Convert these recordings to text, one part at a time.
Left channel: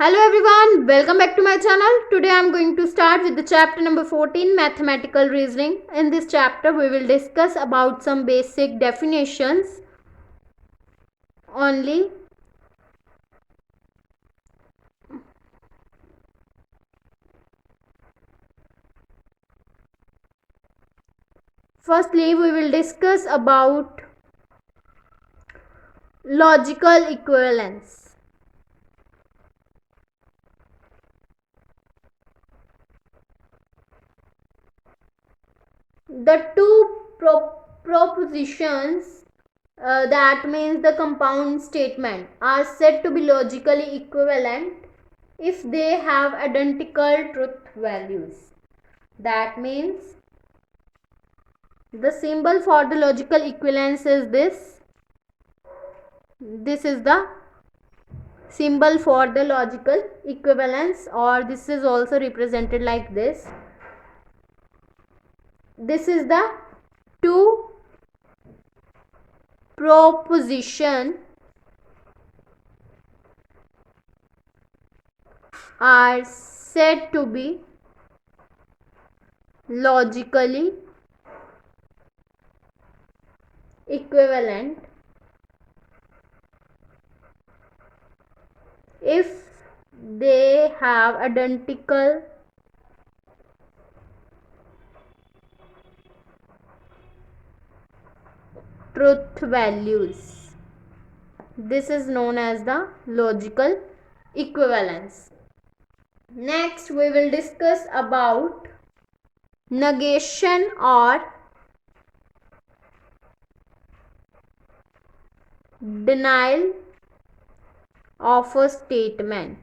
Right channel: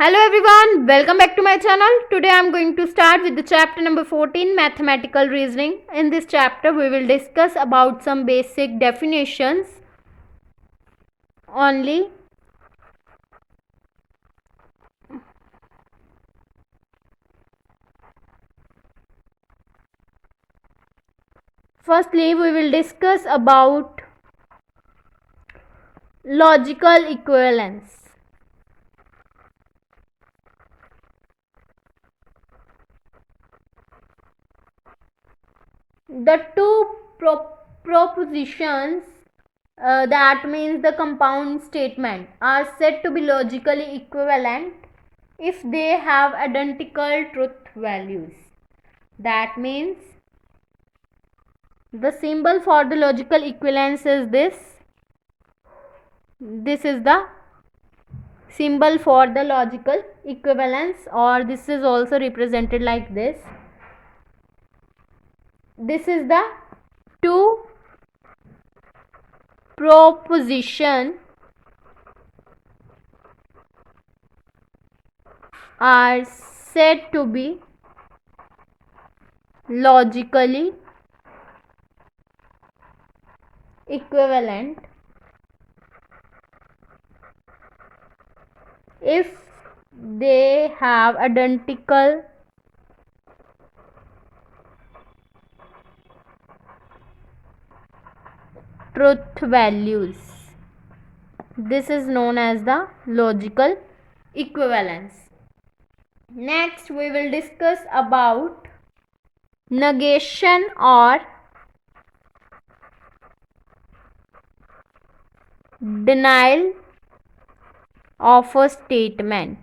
Hello everyone, welcome back to my channel. Today I am going to start with the chapter number 14, mathematical reasoning. In this chapter we will discuss about some basic definitions only. Firstly, we will discuss about logical equivalence. The two propositions, that means the compound statement, are said to be logically equivalent if they have identical truth values. That means the symbol for the logical equivalence is this. This is the symbol for the logical equivalence, or this is also represented like this. This is the two proposition are said to be logically equivalent if they have identical truth values. This is known as the logical equivalence. Next we will discuss about negation or denial of a statement.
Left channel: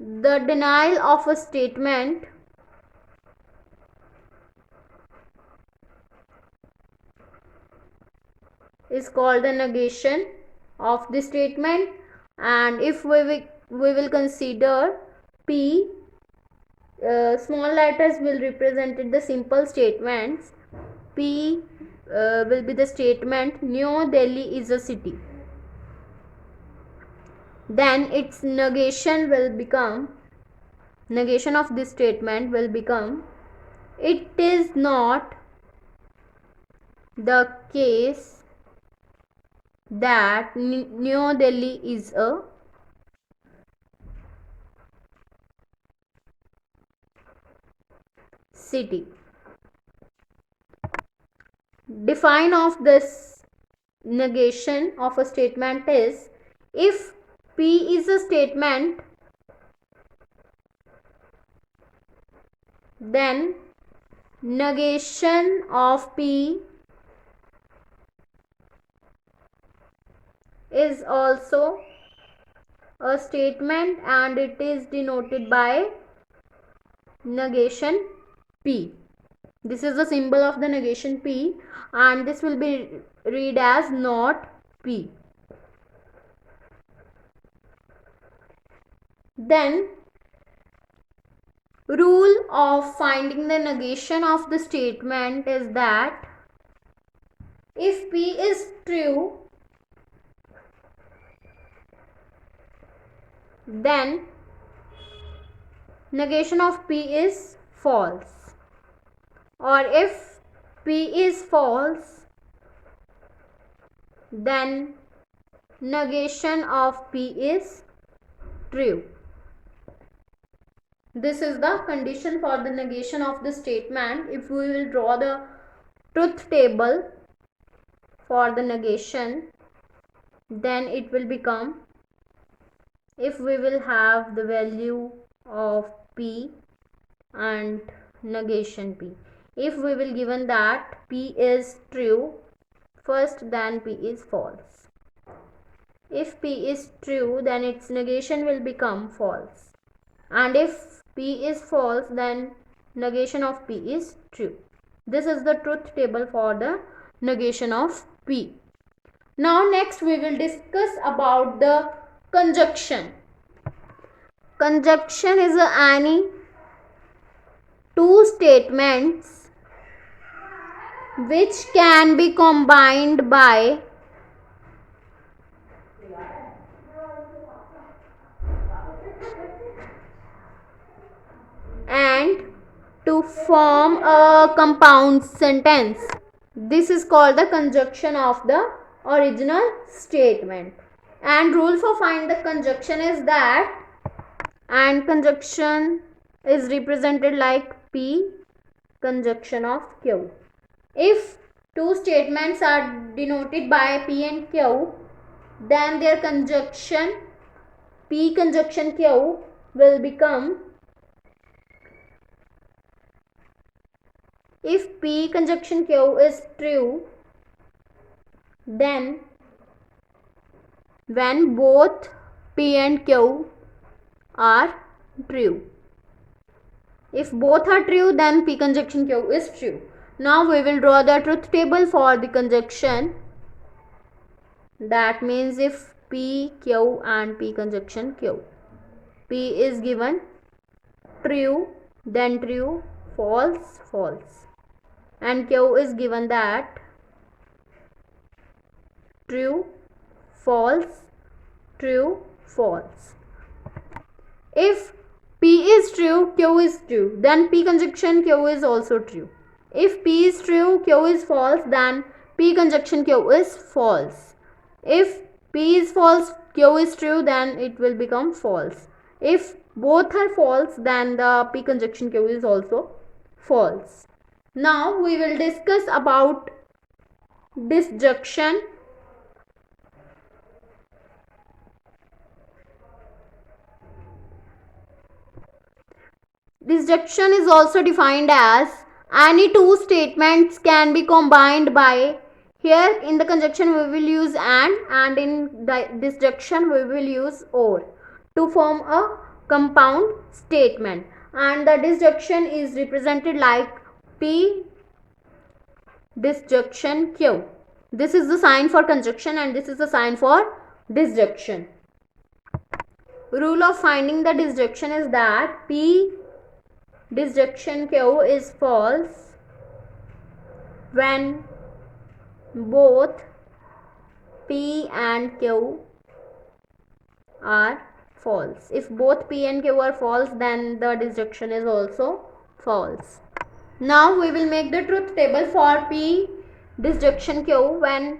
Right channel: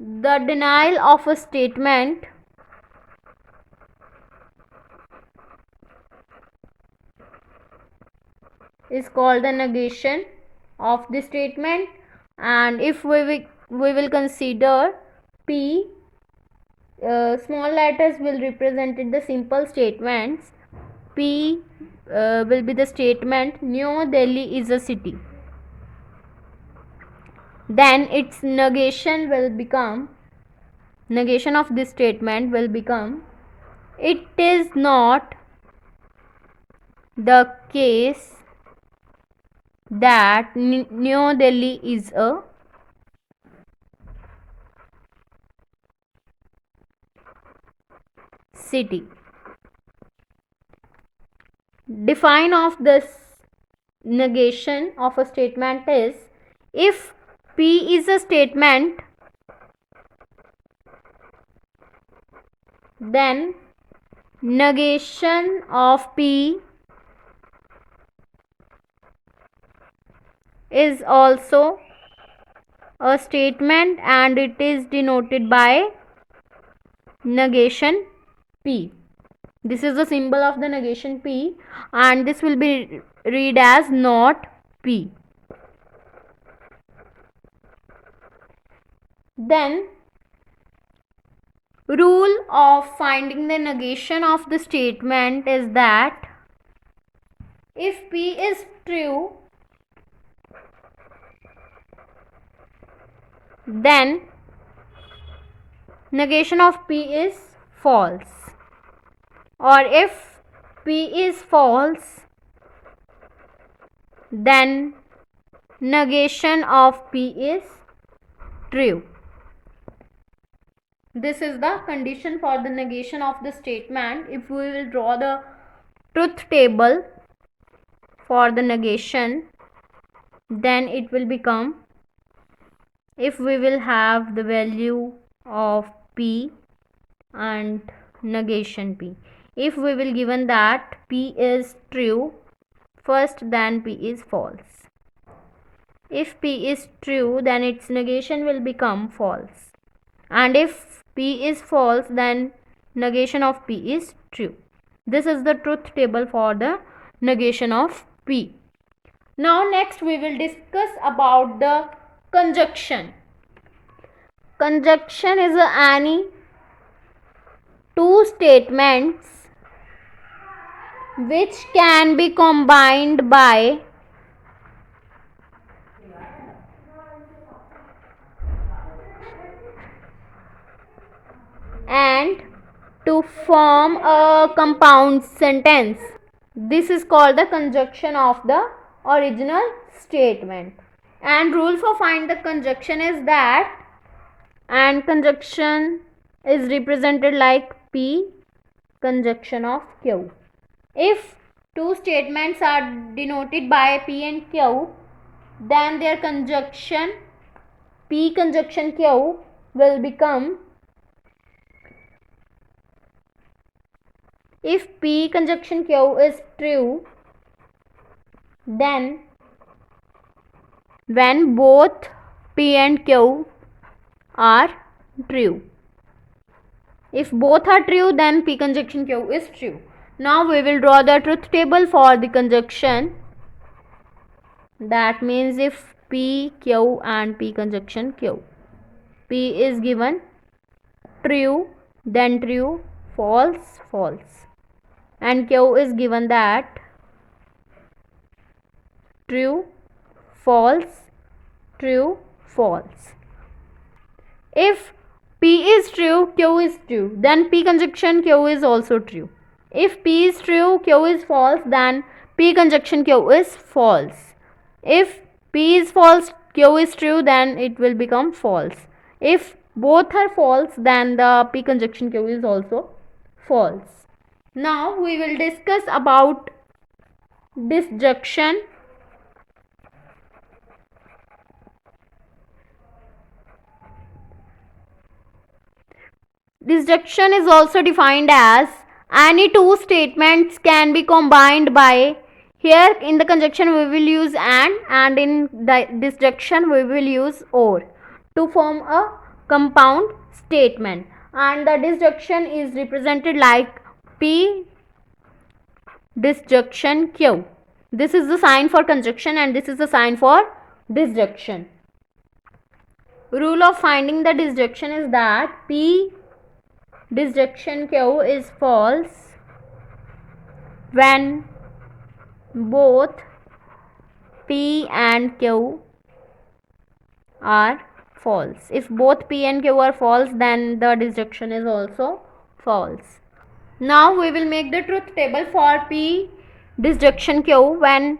The denial of a statement is called the negation of the statement, and if we will consider P, small letters will represent the simple statements. P will be the statement New Delhi is a city. Then its negation of this statement will become it is not the case that New Delhi is a city. Define of this negation of a statement is, if P is a statement, then negation of P is also a statement and it is denoted by negation P. This is the symbol of the negation P, and this will be read as not P. Then rule of finding the negation of the statement is that if P is true, then negation of P is false, or if P is false, then negation of P is true. This is the condition for the negation of the statement. If we will draw the truth table for the negation, then it will become, if we will have the value of P and negation P, if we will given that P is true first, then P is false. If P is true, then its negation will become false, and if P is false, then negation of P is true. This is the truth table for the negation of P. Now next we will discuss about the conjunction. Conjunction is any two statements which can be combined by and to form a compound sentence. This is called the conjunction of the original statement. And rule for find the conjunction is that, and conjunction is represented like P conjunction of Q. If two statements are denoted by P and Q, then their conjunction P conjunction Q will become, if P conjunction Q is true, then when both P and Q are true. If both are true, then P conjunction Q is true. Now we will draw the truth table for the conjunction. That means if P, Q and P conjunction Q, P is given true, then true, false, false, and Q is given that true, false, true, false. If P is true, Q is true, then P conjunction Q is also true. If P is true, Q is false, then P conjunction Q is false. If P is false, Q is true, then it will become false. If both are false, then the P conjunction Q is also false. Now we will discuss about disjunction. Disjunction is also defined as any two statements can be combined by, here in the conjunction we will use and in the disjunction we will use or to form a compound statement, and the disjunction is represented like P disjunction Q. This is the sign for conjunction and this is the sign for disjunction. Rule of finding the disjunction is that P disjunction Q is false when both P and Q are false. If both P and Q are false, then the disjunction is also false. Now we will make the truth table for P disjunction Q. When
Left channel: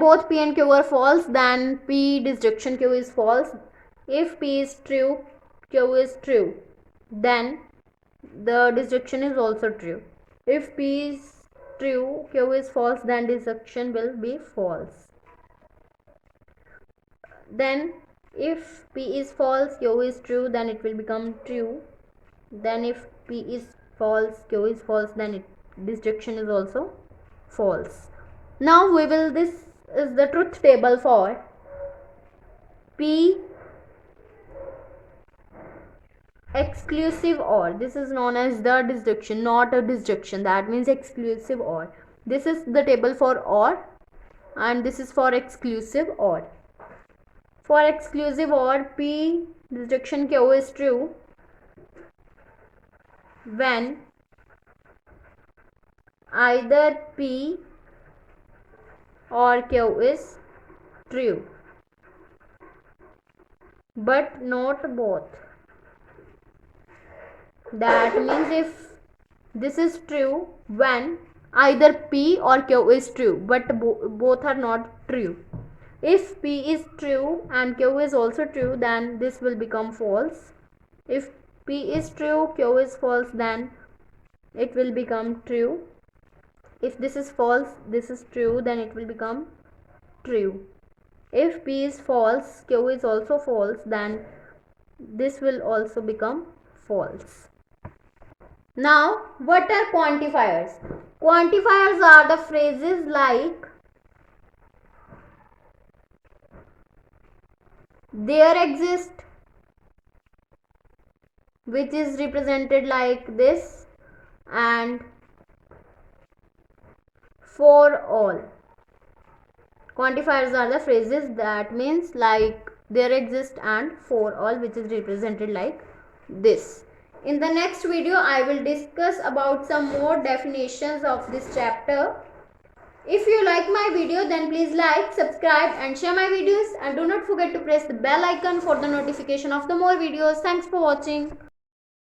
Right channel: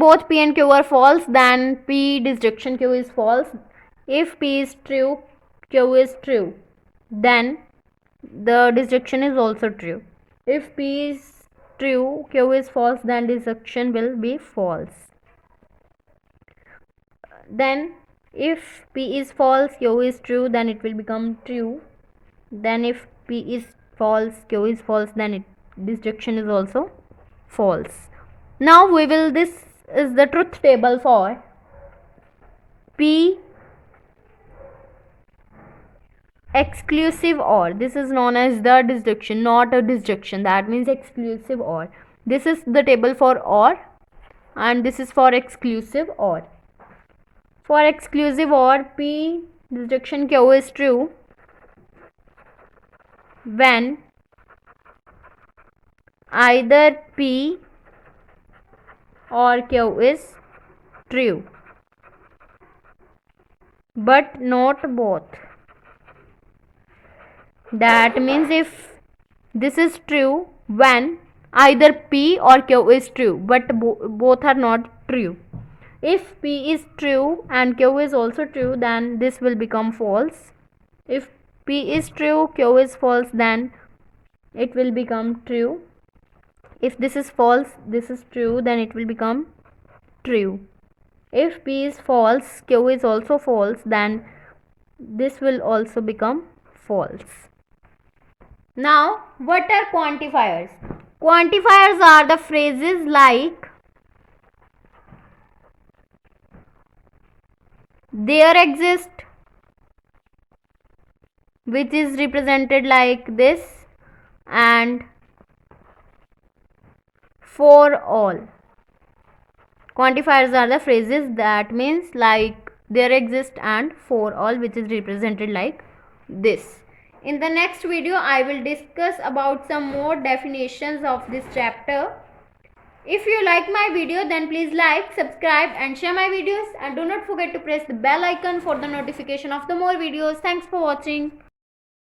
both P and Q are false, then P disjunction Q is false. If P is true, Q is true, then the disjunction is also true. If P is true, Q is false, then disjunction will be false. Then if P is false, Q is true, then it will become true. Then if P is false, Q is false, then disjunction is also false. Now this is the truth table for P exclusive OR. This is known as the disjunction, not a disjunction. That means exclusive OR. This is the table for OR and this is for exclusive OR. For exclusive OR, P disjunction Q is true when either P or Q is true, but not both. That means if this is true when either P or Q is true, but both are not true. If P is true and Q is also true, then this will become false. If P is true, Q is false, then it will become true. If this is false, this is true, then it will become true. If P is false, Q is also false, then this will also become false. Now, what are quantifiers? Quantifiers are the phrases like there exist, which is represented like this, and for all. Quantifiers are the phrases that means like there exist and for all, which is represented like this. In the next video, I will discuss about some more definitions of this chapter. If you like my video, then please like, subscribe and share my videos, and do not forget to press the bell icon for the notification of the more videos. Thanks for watching.